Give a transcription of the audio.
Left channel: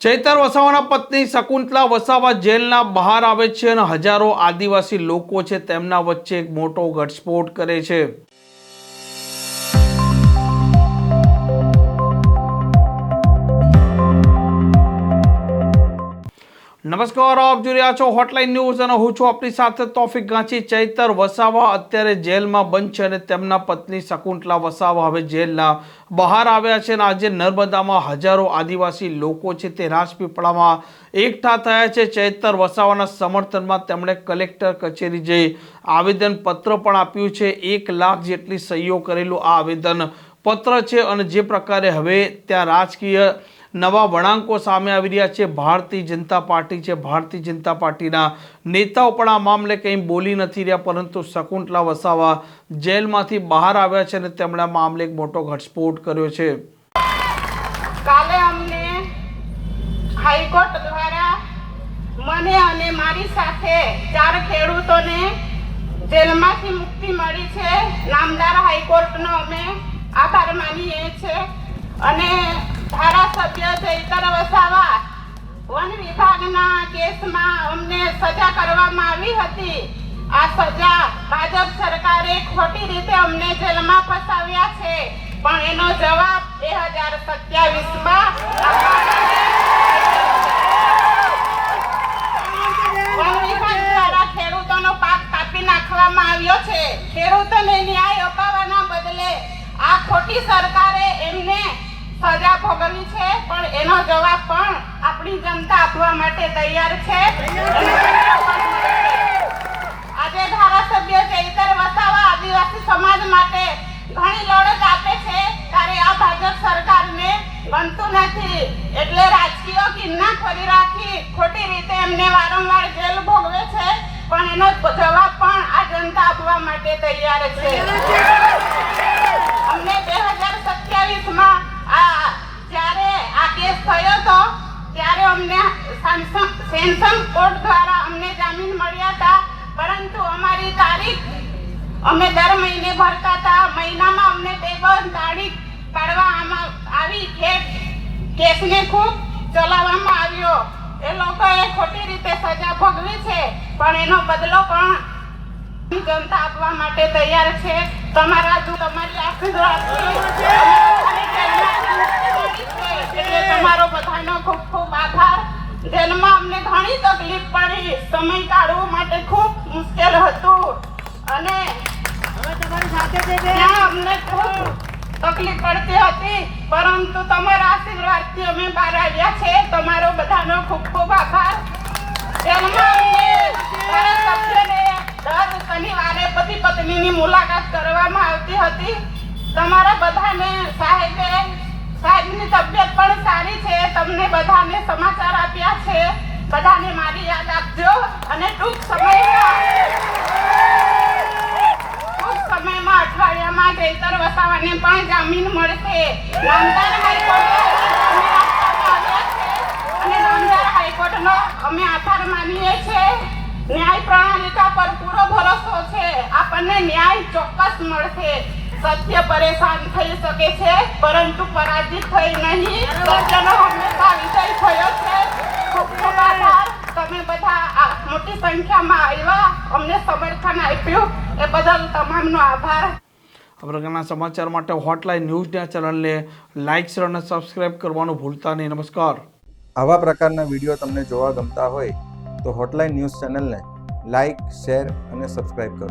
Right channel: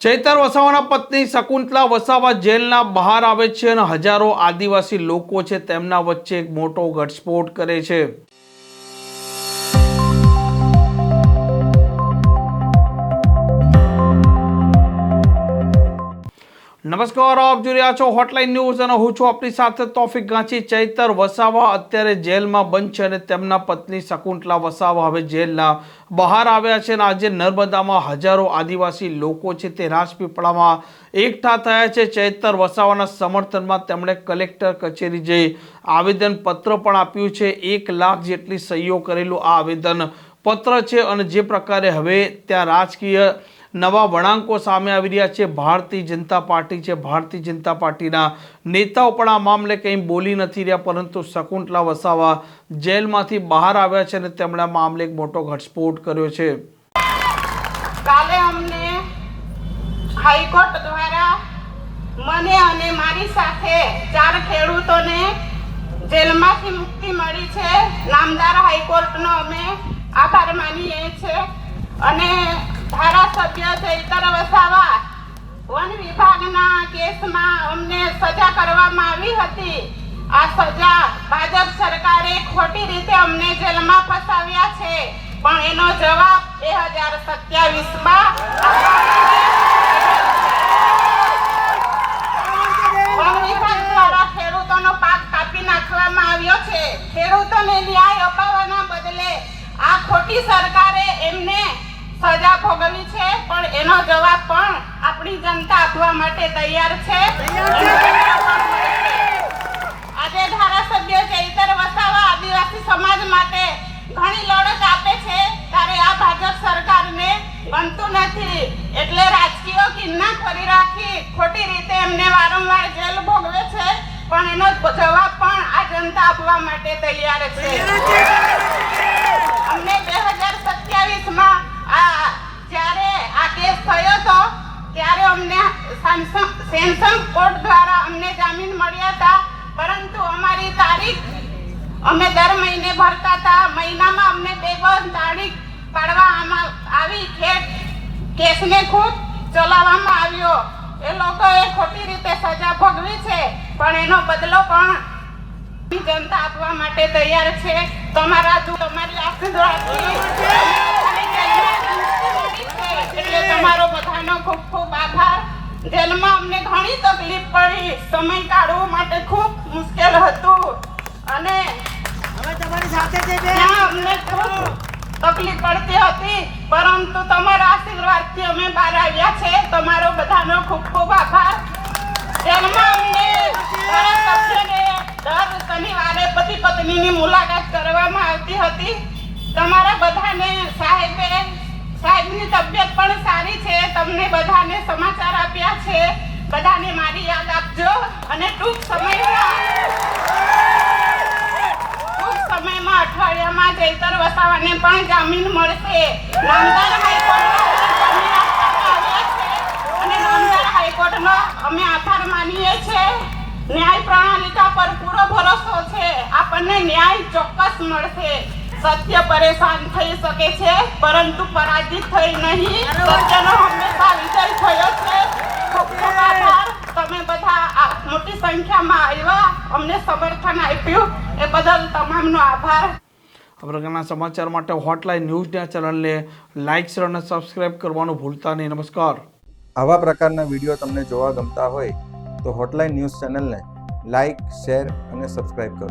ચૈતર વસાવાના પત્ની શકુંતલા વસાવા જેલના બહાર આવે છે અને હજારો આદિવાસી લોકો છે તેમના વચ્ચે એક મોટો ઘટસ્ફોટ કરે છે। નમસ્કાર, આપ જોઈ રહ્યા છો હોટલાઇન ન્યૂઝ અને હું છું આપની સાથે તોફિક ગાંચી। ચૈતર વસાવા અત્યારે જેલમાં બંધ છે અને તેમના પત્ની શકુંતલા વસાવા હવે જેલના બહાર આવ્યા છે અને આજે નર્મદામાં હજારો આદિવાસી લોકો છે તે રાજપીપળામાં એકઠા થયા છે। ચૈતર વસાવાના સમર્થનમાં તેમણે કલેક્ટર કચેરી જઈ આવેદનપત્ર પણ આપ્યું છે। 1 લાખ જેટલી સહીઓ કરેલું આ આવેદન પત્ર છે અને જે પ્રકારે હવે ત્યાં રાજકીય નવા વળાંકો સામે આવી રહ્યા છે। ભારતીય જનતા પાર્ટી છે, ભારતીય જનતા પાર્ટીના નેતાઓ પણ આ મામલે કંઈ બોલી નથી રહ્યા, પરંતુ શકુંતલા વસાવા જેલમાંથી બહાર આવ્યા છે અને તેમણે આ મામલે એક મોટો ઘટસ્ફોટ કર્યો છે। કાલે અમને હાઈકોર્ટ દ્વારા મને અને મારી સાથે 4 ખેડૂતોને જેલમાંથી મુક્તિ મળી છે। નામદાર હાઈકોર્ટનો અમે આભાર માનીએ છીએ અને ધારાસભ્ય ચૈતર વસાવા વન વિભાગના કેસમાં અમને સજા કરવામાં આવી હતી। આ સજા ભાજપ સરકારે ખોટી રીતે અમને જેલમાં ફસાવ્યા છે, પણ એનો જવાબ 2027માં વન વિભાગ દ્વારા ખેડૂતોનો પાક કાપી નાખવામાં આવ્યો છે। ખેડૂતોને ન્યાય અપાવવાના બદલે આ ખોટી સરકારે એમને સજા ભોગવી છે, પણ એનો જવાબ પણ આપણી જનતા આપવા માટે તૈયાર છે। આજે ધારાસભ્ય ચૈતર વસાવા આદિવાસી સમાજ માટે ઘણી લડત આપે છે, ત્યારે આ ભાજપ સરકારને ગમતું નથી, એટલે રાજકીય કિન્નાખોરી રાખી ખોટી રીતે એમને વારંવાર જેલ ભોગવે છે, પણ એનો જવાબ પણ આ જનતા આપવા માટે તૈયાર છે। અમને 2027માં થયો તો ત્યારે અમને સેન્સન કોર્ટ દ્વારા અમને જામીન મળ્યા હતા, પરંતુ અમારી તારીખ અમે દર મહિને ભરતા હતા। મહિનામાં અમને 2 તારીખ પાડવામાં આવી કે કેસને ખૂબ ચલાવવામાં આવ્યો। એ લોકોએ ખોટી રીતે સજા ભોગવી છે, પણ એનો બદલો પણ જનતા આપવા માટે તૈયાર છે। તમારી આશીર્વાદથી તમારો બધાનો ખૂબ ખૂબ આભાર। જેલમાં અમને ઘણી તકલીફ પડી, સમય કાઢવા માટે ખૂબ મુશ્કેલ હતું અને તમારી સાથે અમને ખૂબ તકલીફ પડતી હતી, પરંતુ તમારા આશીર્વાદથી અમે બહાર આવ્યા છે। તમારો બધાનો ખૂબ ખૂબ આભાર। જેલમાં અમને ધારાસભ્યને દર શનિવારે પતિ પત્નીની મુલાકાત કરવામાં આવતી હતી। તમારા બધાને સાહેબની તબિયત પણ સારી છે, તમને બધાને સમાચાર આપ્યા છે। બધાને મારી યાદ આપજો અને ટૂંક સમયમાં અઠવાડિયામાં ચૈતર વસાવાને પણ જામીન મળશે। નામદાર હાઈકોર્ટનો અમે આભાર માનીએ છીએ। ન્યાય પ્રણાલિકા પર પૂરો ભરોસો છે, આપણને ન્યાય ચોક્કસ મળશે। સત્ય પરેશાન થઈ શકે છે, પરંતુ પરાજિત થઈ નહીં। સત્યનો હંમેશા વિજય થયો છે। તમે બધા મોટી સંખ્યામાં આવ્યા, અમને સમર્થન આપ્યું, એ બદલ તમામનો આભાર। આ પ્રકારના સમાચાર માટે હોટલાઇન ન્યૂઝના ચેનલને લાઇક, શેર અને સબસ્ક્રાઇબ કરવાનું ભૂલતા નહીં। નમસ્કાર। આવા પ્રકારના વિડીયો તમને જોવા ગમતા હોય તો હોટલાઇન ન્યૂઝ ચેનલને લાઇક, શેર અને સબસ્ક્રાઇબ કરો।